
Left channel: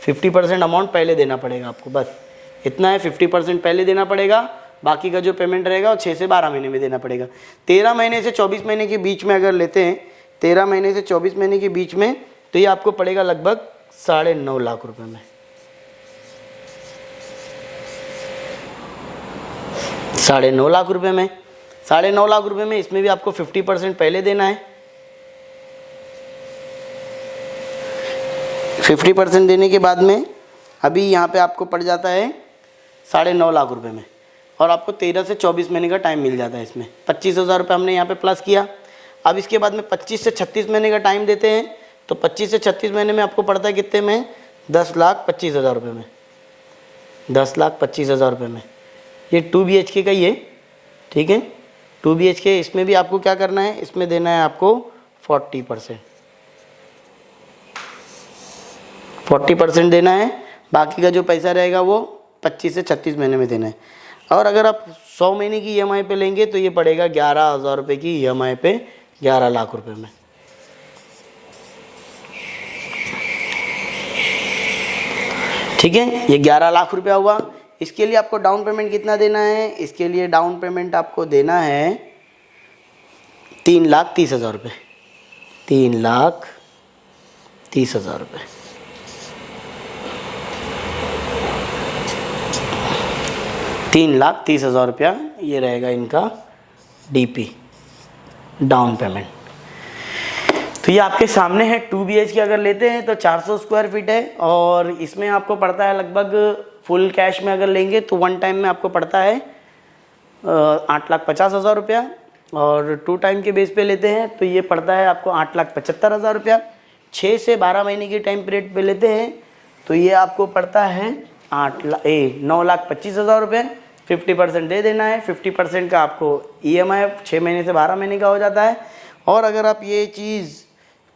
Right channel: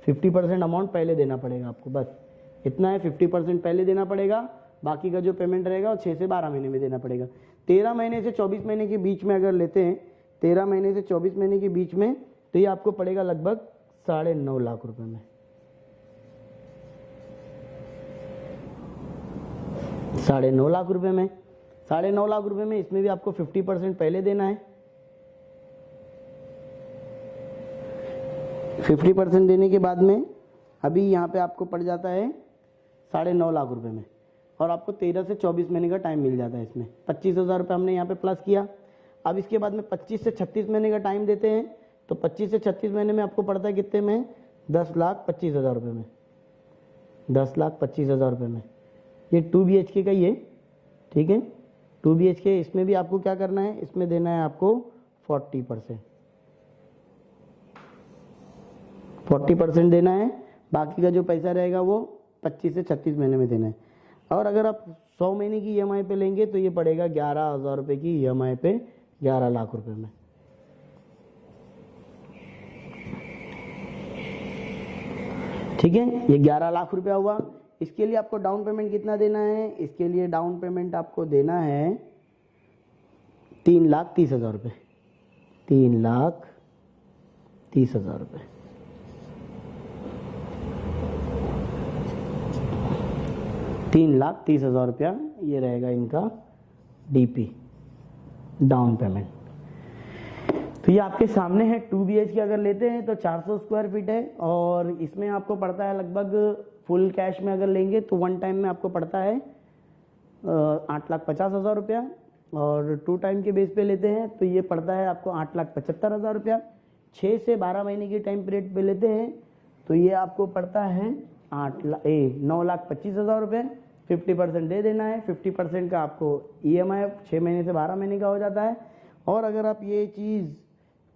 50% अमाउंट पहले देना पड़ेगा आपको, बस इतना है। 50% पहले देना पड़ेगा, बाकी का जो पेमेंट रहेगा वो 6 से 12 महीने में देना पड़ेगा। 13 महीने से 24 महीने के बीच में अगर लेते हैं, 13 महीने से 24 महीने के बीच में, तो ये आपको पड़ेगा लगभग 9.5 लाख रुपए में। 9.5 लाख रुपए में, 9.5 लाख रुपए में, इसमें भी आपको 50% पहले देना है। 50% देने के बाद में अभी यहाँ पे आपको पड़ जाता है 9.5 लाख रुपए में, और आपको 13 से 24 महीने का टाइम मिल जाता है। इसमें 25,000 रुपये हमने यहाँ पे प्लस किया। अब इसके बाद में 25 से 36 महीने का टाइम देते हैं, तो 25 से 36 महीने में आपको पड़ता है कितने में, 10,25,000 रुपये में, 10,25,000 रुपये में। ये 2 BHK का ही है, ठीक है, 2 BHK। इसमें भी आपको क्या करना है, इसमें देना है आपको 40% देना है। बाकी का जो पैसा रहेगा वो 25 से 36 महीने में देना है। और अगर आप 100 महीने की EMI पे लेंगे तो ये पड़ेगा 11,000 रुपये की EMI पे, 11 लाख रुपए में। ठीक है, ये 11 लाख रुपया हुआ। इसके लिए आपको डाउन पेमेंट कितना देना है, इसके लिए डाउन पेमेंट आपको देना है 3,30,000 रुपये, 3,30,000 रुपये। 3,30,000 रुपया ये रहेगा इनका DP, डाउन पेमेंट। तो ये आपके सामने है। 2 BHK अगर लेते हैं तो 400 स्क्वायर फीट है, और इसमें आपको पड़ता है लगभग, फुल कैश में अगर लेंगे तो वन टाइम में आपको पड़ता है 8,50,000 रुपया, और 2 टाइम के बेस पे लेते हैं तो ये पड़ता है आपको 8,75,000 रुपया। 6 से 12 महीने की टाइम पीरियड पे लेते हैं तो ये आपको पड़ता है 9,25,000 रुपये। 50% दे देना है, 50% का आपको EMI 6 महीने से 12 महीने का हो जाता है। और अगर आप ये चीज़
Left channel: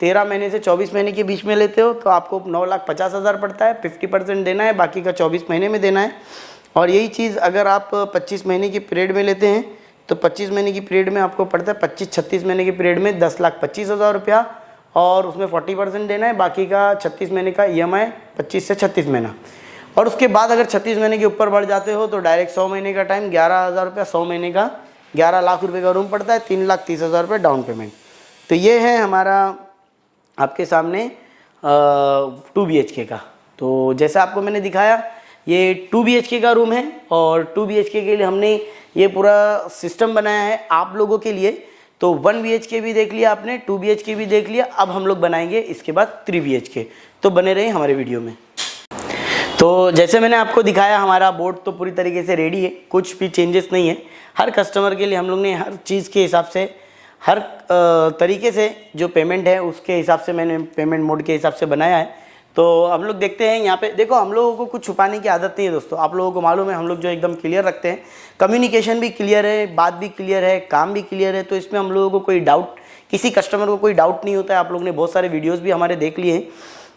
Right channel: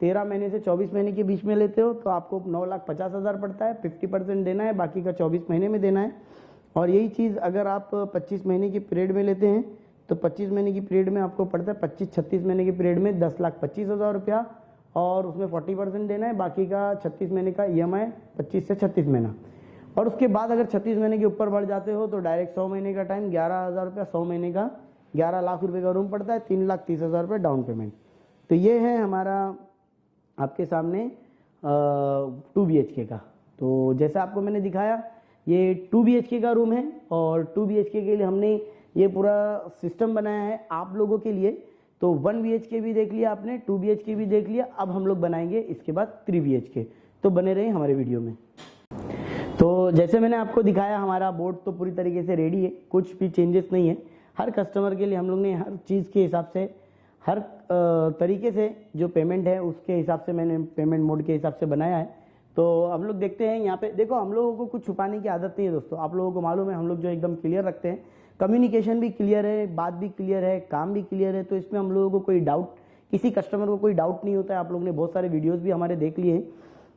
13 महीने से 24 महीने के बीच में लेते हो तो आपको 9,50,000 पड़ता है। 50% देना है, बाकी का 24 महीने में देना है। और यही चीज़ अगर आप 25 महीने की पीरियड में लेते हैं तो 25 महीने की पीरियड में आपको पड़ता है, 25-36 महीने की पीरियड में 10,25,000 रुपया, और उसमें 40% देना है, बाकी का 36 महीने का EMI, 25 से 36 महीना। और उसके बाद अगर 36 महीने के ऊपर बढ़ जाते हो तो डायरेक्ट 100 महीने का टाइम, 11,000 रुपया, 100 महीने का 11 लाख रुपये का रूम पड़ता है, 3,30,000 रुपये डाउन पेमेंट। तो ये है हमारा आपके सामने 2 BHK का। तो जैसा आपको मैंने दिखाया, ये 2 BHK का रूम है, और 2 BHK के लिए हमने ये पूरा सिस्टम बनाया है आप लोगों के लिए। तो 1 BHK भी देख लिया आपने, 2 BHK भी देख लिया, अब हम लोग बनाएंगे इसके बाद 3 BHK। तो बने रहे हमारे वीडियो में। तो जैसे मैंने आपको दिखाया, हमारा बोर्ड तो पूरी तरीके से रेडी है, कुछ भी चेंजेस नहीं है। हर कस्टमर के लिए हम लोग ने हर चीज़ के हिसाब से, हर तरीके से जो पेमेंट है उसके हिसाब से मैंने पेमेंट मोड के हिसाब से बनाया है। तो हम लोग देखते हैं यहाँ पे, देखो हम लोगों को कुछ छुपाने की आदत नहीं है दोस्तों, आप लोगों को मालूम है, हम लोग जो एकदम क्लियर रखते हैं, कम्युनिकेशन भी क्लियर है, बात भी क्लियर है, काम भी क्लियर है। तो इसमें हम लोगों को कोई डाउट, किसी कस्टमर को कोई डाउट नहीं होता है। आप लोग ने बहुत सारे वीडियोज़ भी हमारे देख लिए हैं।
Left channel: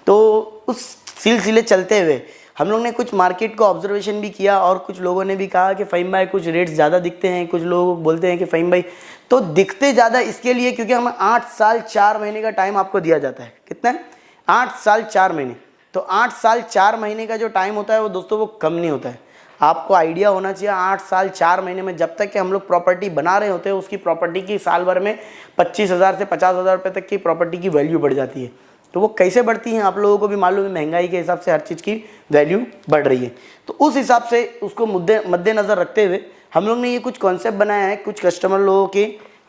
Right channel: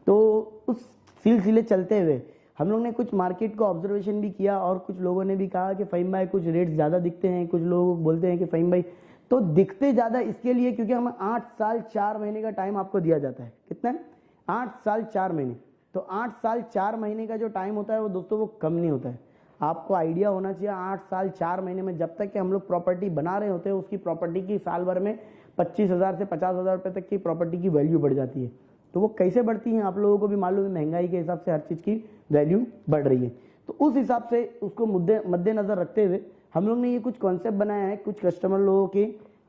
तो उस सिलसिले चलते हुए हम लोग ने कुछ मार्केट को ऑब्जर्वेशन भी किया, और कुछ लोगों ने भी कहा कि फ़हीम भाई कुछ रेट्स ज़्यादा दिखते हैं। कुछ लोग बोलते हैं कि फ़हीम भाई, तो दिखते ज़्यादा इसके लिए क्योंकि हमें 8 साल 4 महीने का टाइम आपको दिया जाता है। कितना है? 8 साल 4 महीने। तो 8 साल 4 महीने का जो टाइम होता है वो दोस्तों वो कम नहीं होता है। आपको आइडिया होना चाहिए, 8 साल 4 महीने में जब तक कि हम लोग प्रॉपर्टी बना रहे होते हैं, उसकी प्रॉपर्टी की साल भर में 25,000 से 50,000 रुपये तक की प्रॉपर्टी की वैल्यू बढ़ जाती है। तो वो कैसे बढ़ती हैं आप लोगों को भी मालूम है, महंगाई के हिसाब से हर चीज़ की वैल्यू बढ़ रही है। तो उस हिसाब से उसको मद्देनज़र रखते हुए हम लोग ने ये कुछ कॉन्सेप्ट बनाया है, कुछ कस्टमर लोगों के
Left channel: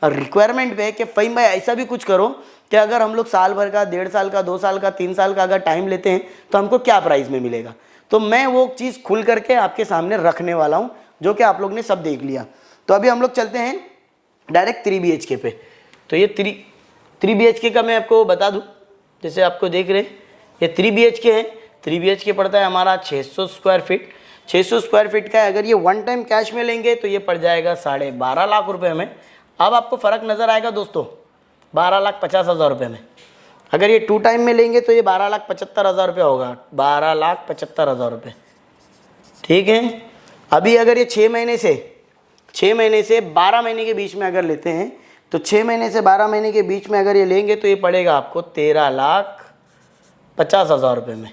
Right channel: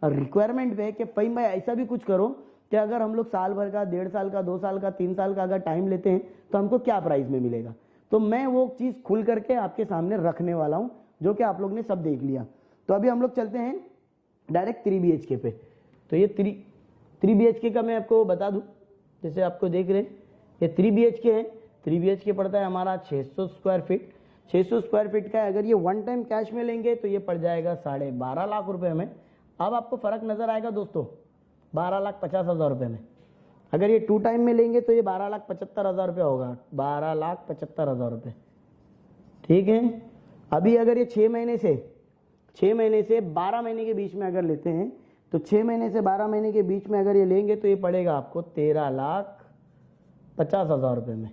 रिक्वायरमेंट पे है कि फ़हीम भाई ऐसा भी कुछ करो कि अगर हम लोग साल भर का, 1.5 साल का, 2 साल का, 3 साल का अगर टाइम लेते हैं तो हमको क्या प्राइस में मिलेगा। तो मैं वो चीज़ खुल करके आपके सामने रखने वाला हूँ, जो कि आप लोग ने सब देख लिया। तो अभी हम लोग चलते हैं डायरेक्ट 3 BHK पे। तो ये 3 BHK का मैं आपको बता दूँ, जैसे आपको देख रहे ये 3 BHK है। 3 BHK पड़ता है हमारा 600 स्क्वायर फीट। 600 स्क्वायर फीट का है। अगर ये वन टाइम कैश में लेंगे तो ये पड़ जाएगा 12.5 लाख रुपए में। अब आपको फ़र्क नज़र आएगा दोस्तों, 12,50,000 रुपये में। अगर ये 2 टाइम में लेंगे तो ये 12,75,000 रुपये होगा, 12,75,000 रुपये। ठीक है। अभी अगर ये 6 महीने से 12 महीने के बीच में अगर लेते हैं तो 6 महीने से 12 महीने के बीच में अगर ये लेंगे तो ये पड़ेगा आपको 13,00,000 50,000 रुपये में,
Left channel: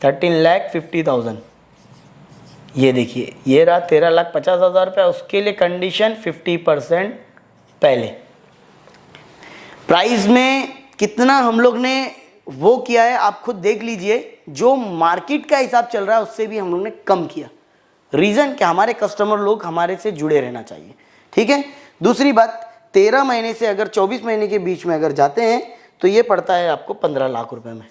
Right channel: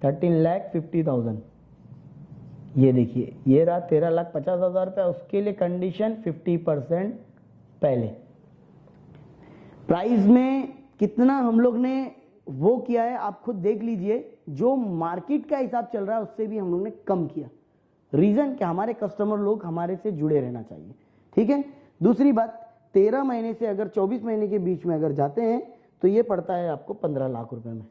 13,50,000। ये देखिए ये रहा 13,50,000 रुपये। उसके लिए कंडीशन 50% पहले। प्राइस में कितना हम लोग ने वो किया है आप खुद देख लीजिए, जो मार्केट का हिसाब चल रहा है उससे भी हम लोग ने कम किया। रीज़न कि हमारे कस्टमर लोग हमारे से जुड़े रहना चाहिए, ठीक है। दूसरी बात, 13 महीने से अगर 24 महीने के बीच में अगर जाते हैं तो ये पड़ता है आपको 15 लाख रुपए में,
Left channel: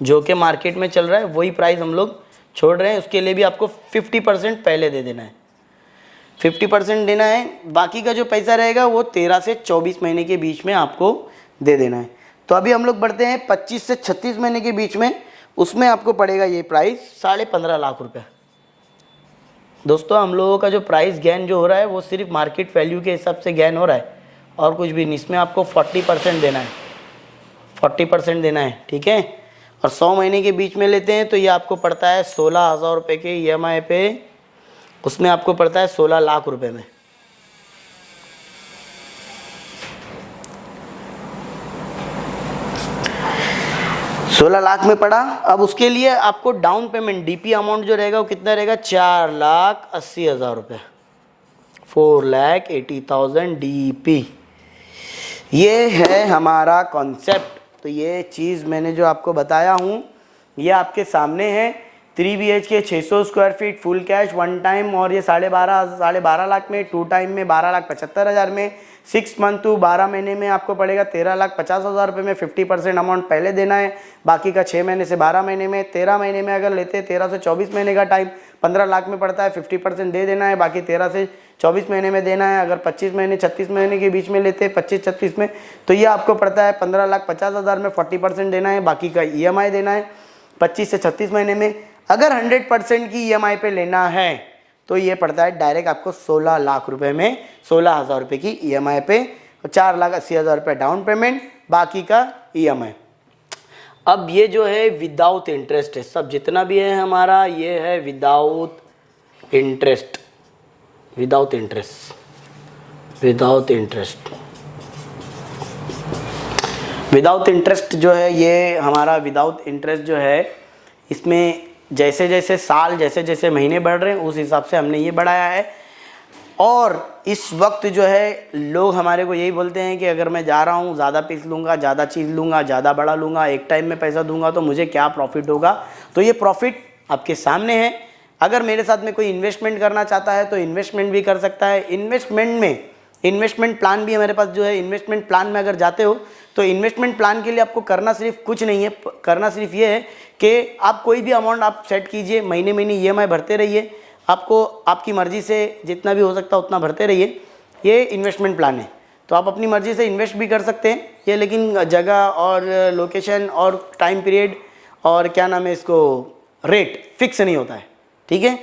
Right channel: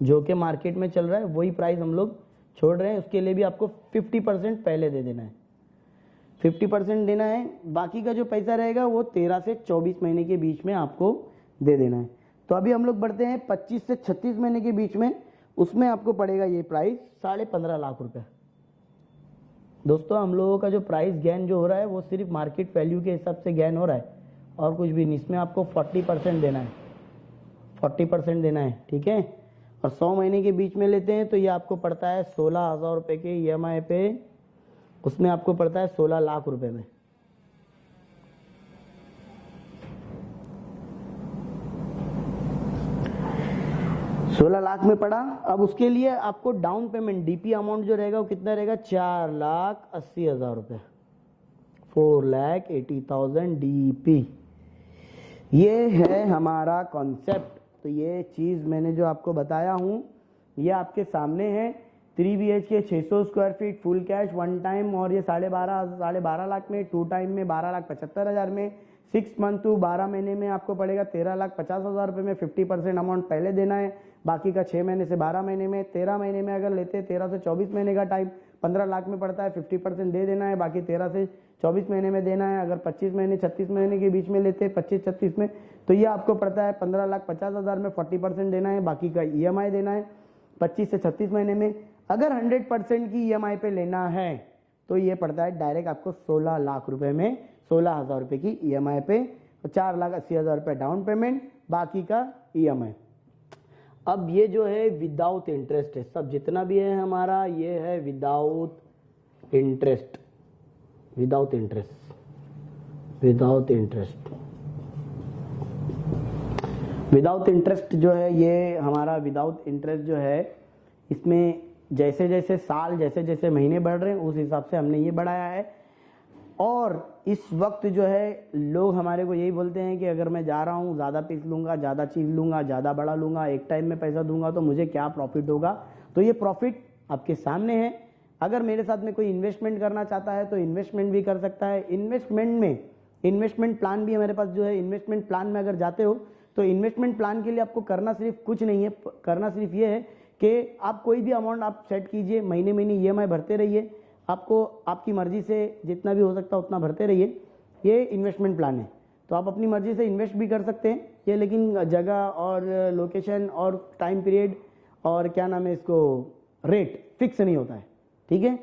जो कि मार्केट में चल रहा है वही प्राइस हम लोग छोड़ रहे हैं। उसके लिए भी आपको 50% पहले दे देना है, 50% देना है। बाकी का जो पैसा रहेगा वो 13 से 24 महीने के बीच में आपको दे देना है। तो अभी हम लोग बढ़ते हैं 25 से 36 महीने के बीच में, उसमें आपको पड़ेगा ये प्राइस 15.5 लाख रुपए। दोस्तों हम लोगों का जो प्राइस गेन जो हो रहा है वो सिर्फ मार्केट वैल्यू के हिसाब से गेन हो रहा है और कुछ भी नहीं। इसमें आपको 40% देना है, 40% देना है, ठीक है। और 100 महीने के बीच में लेते हैं तो ये आपको पड़ता है 16,000 रुपये के EMI पे, उसमें आपको पड़ता है 16 लाख रुपए में। सोलह लाख में पड़ा। अब उसके लिए आपको डाउन पेमेंट DP अमाउंट जो रहेगा वो कितना रहेगा, 4,80,000 रुपये, 4,80,000 DP। ये है हमारा कॉन्सेप्ट। तो ये चीज़ मैंने जो आपको बताया हूँ ये आपके सामने है। 3 BHK 600 square feet full cash 1 time, और ये 12.5 लाख में, 2 टाइम में 12,75,000 में, 6 मंथ टू 12 महीने में आपको पड़ेगा 13,50,000 रुपये में। 50% अमाउंट पहले देना है, बाकी का 6 महीने से 12 महीने में। 13 महीने में अगर लेते हैं 13 से 24 महीने का टाइम 15 लाख में पड़ता है, 50% दे देना है, बाकी 13 से 24 महीने में देना है। अगर 25 महीने 36 महीने के बीच में लेते हैं 25-36 में तो ये आपको पड़ता है 15,50,000 में, 40% देना है, बाकी का EMI देना है 25 से 36 महीने में। अगर 100% की EMI पे लेना है तो ये पड़ता है डायरेक्ट आपको 16 लाख रुपए में, 16,000 रुपये की EMI पे, 4,80,000 रुपये डाउन पेमेंट, बाकी का EMI। अब ये जो है विदाउट इंटरेस्ट है, सब जितना भी है हमारा ये है without interest, without interest, without interest, without interest जो है ये हमारा विदाउट इंटरेस्ट जो है, इसमें जैसे जैसे साल जैसे जैसे महीने बढ़ रहे हैं उस हिसाब से हमने ये बढ़ाया है। और इस वक्त जो है लोग हमारे को यही बोलते हैं कि अगर मैं जा रहा हूँ ज़्यादा पीस लूँगा, ज़्यादा चीज़ लूँगा, ज़्यादा बड़ा लूँगा, एक टाइम में पैसा दूंगा तो मुझे क्या प्रॉफिट होगा। तो ये प्रॉफिट आपके सामने है। अगर मेरे साथ में कोई इन्वेस्टमेंट करना चाहता है तो इन्वेस्टमेंट भी कर सकता है। इन्वेस्टमेंट में इन्वेस्टमेंट प्लान भी हमारे पास जो है, इन्वेस्टमेंट प्लान में अगर जाते हो तो इन्वेस्टमेंट प्लान के लिए आपको करना सिर्फ कुछ नहीं है, करना सिर्फ ये है कि आप कोई भी अमाउंट आप सेट कीजिए, महीने महीने EMI भरते रहिए, आपको आपकी मर्ज़ी से जितना भी हो सकता है उतना भरते रहिए। ये इन्वेस्टमेंट प्लान है, तो आप अपनी मर्ज़ी से इन्वेस्ट भी कर सकते हैं ये, लेकिन जगह और लोकेशन और टाइम पीरियड और क्या नाम है इसको, रेट फिक्स नहीं होता है, ठीक है।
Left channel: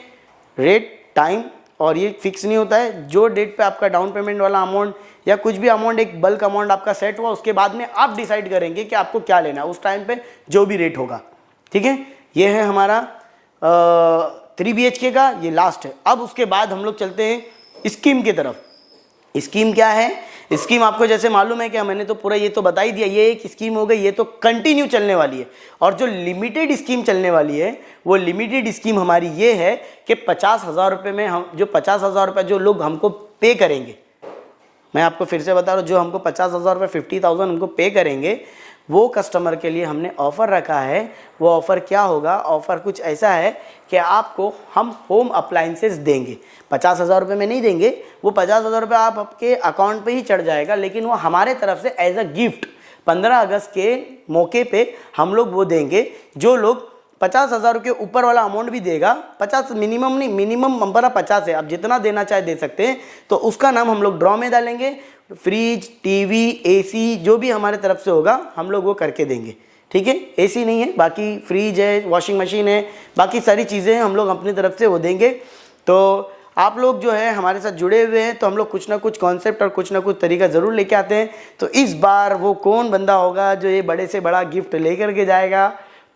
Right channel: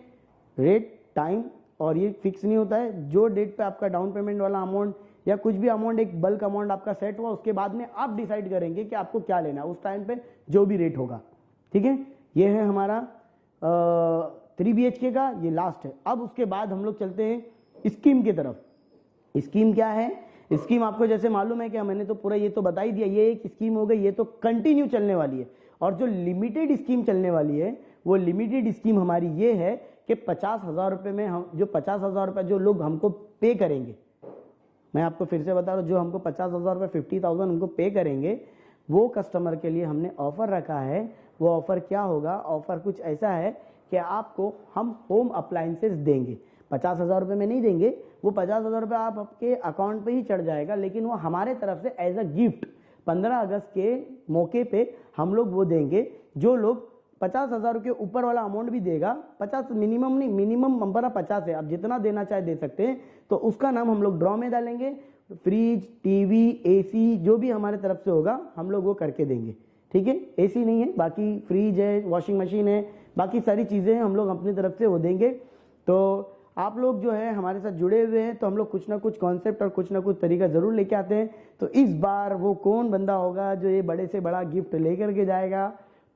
रेट टाइम और ये फिक्स नहीं होता है। जो डेट पे आपका डाउन पेमेंट वाला अमाउंट या कुछ भी अमाउंट, एक बल्क अमाउंट आपका सेट हुआ, उसके बाद में आप डिसाइड करेंगे कि आपको क्या लेना है उस टाइम पे जो भी रेट होगा, ठीक है। ये है हमारा 3 BHK का, ये लास्ट है। अब उसके बाद हम लोग चलते हैं स्कीम की तरफ। स्कीम क्या है? स्कीम आपको जैसे मालूम है कि मैंने तो पूरा ये तो बता ही दिया, ये एक स्कीम हो गई, ये तो कंटिन्यू चलने वाली है। और जो लिमिटेड स्कीम चलने वाली है वो लिमिटेड स्कीम हमारी ये है कि 50,000 रुपये में हम जो 50,000 रुपये जो लोग हमको पे करेंगे, मैं आपको फिर से बता रहा हूँ, जो हमको 50,000 रुपये 50,000 हमको पे करेंगे, वो कस्टमर के लिए हमने ऑफ़र रखा है। वो ऑफ़र क्या होगा? ऑफ़र कुछ ऐसा है कि आपको हम होम अप्लाइंसेस देंगे। 50,000 रुपये में नहीं देंगे, वो 50,000 रुपये आप आपके अकाउंट पे ही चढ़ जाएगा, लेकिन वो हमारे तरफ से एज अ गिफ्ट 15 अगस्त के मौके पे हम लोग वो देंगे। जो लोग 50,000 के ऊपर वाला अमाउंट भी देगा, 50 मिनिमम नहीं, मिनिमम हमारा 50 है, आप जितना देना चाहे दे सकते हैं, तो उसका नाम हम लोग ड्रॉ में डालेंगे। फ्रिज, टीवी, AC जो भी हमारे तरफ से होगा हम लोग वो करके देंगे, ठीक है। AC नहीं है, बाकी फ्रिज है, वॉशिंग मशीन है, बाकी सारी चीज़ें हैं, हम लोग अपनी तरफ से वो देंगे। तो आप लोग जो है हमारे साथ जुड़े हुए हैं, तो हम लोग कुछ ना कुछ कॉन्सेप्ट और कुछ ना कुछ तरीका ज़रूर लेके आते हैं। तो इस बार वो कौन बंदा होगा जो ये बड़े से बड़ा गिफ्ट लेकर के जाएगा?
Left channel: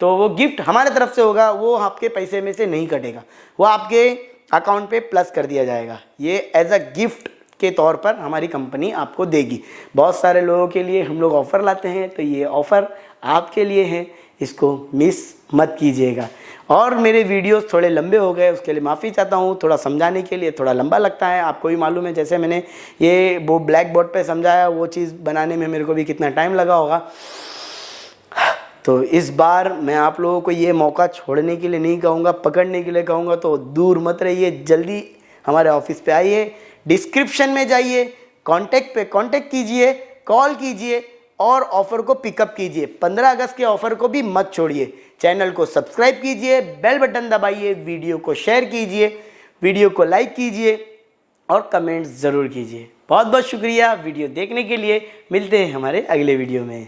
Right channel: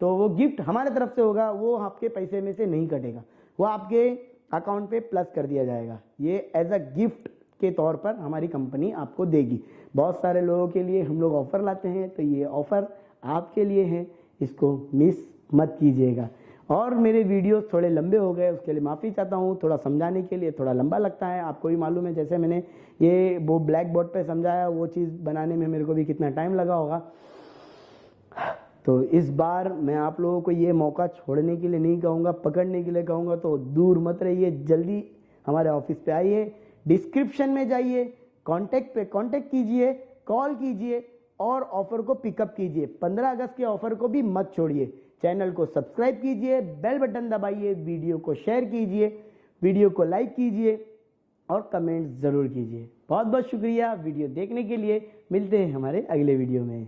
तो वो गिफ्ट हमारे तरफ से होगा, वो आपके पैसे में से नहीं कटेगा, वो आपके अकाउंट पे प्लस कर दिया जाएगा। ये एज अ गिफ्ट के तौर पर हमारी कंपनी आपको देगी। बहुत सारे लोगों के लिए हम लोग ऑफ़र लाते हैं, तो ये ऑफ़र आपके लिए हैं, इसको मिस मत कीजिएगा। और मेरे वीडियोस थोड़े लंबे हो गए, उसके लिए माफ़ी चाहता हूँ। थोड़ा समझाने के लिए थोड़ा लंबा लगता है, आपको भी मालूम है। जैसे मैंने ये वो ब्लैक बोर्ड पे समझाया, वो चीज़ बनाने में मेरे को भी कितना टाइम लगा होगा। तो इस बार मैं आप लोगों को ये मौका छोड़ने के लिए नहीं कहूँगा, पकड़ने के लिए कहूँगा। तो दूर मत रहिए, जल्दी हमारे ऑफिस पे आइए, डिस्क्रिप्शन में जाइए, कांटेक्ट पे कांटेक्ट कीजिए, कॉल कीजिए और ऑफ़र को पिकअप कीजिए। 15 अगस्त के ऑफ़र को भी मत छोड़िए। चैनल को सब्सक्राइब कीजिए, बेल बटन दबाइए, वीडियो को शेयर कीजिए, वीडियो को लाइक कीजिए और कमेंट्स ज़रूर कीजिए। बहुत बहुत शुक्रिया वीडियो देखने के लिए। मिलते हैं हमारे अगले वीडियो में।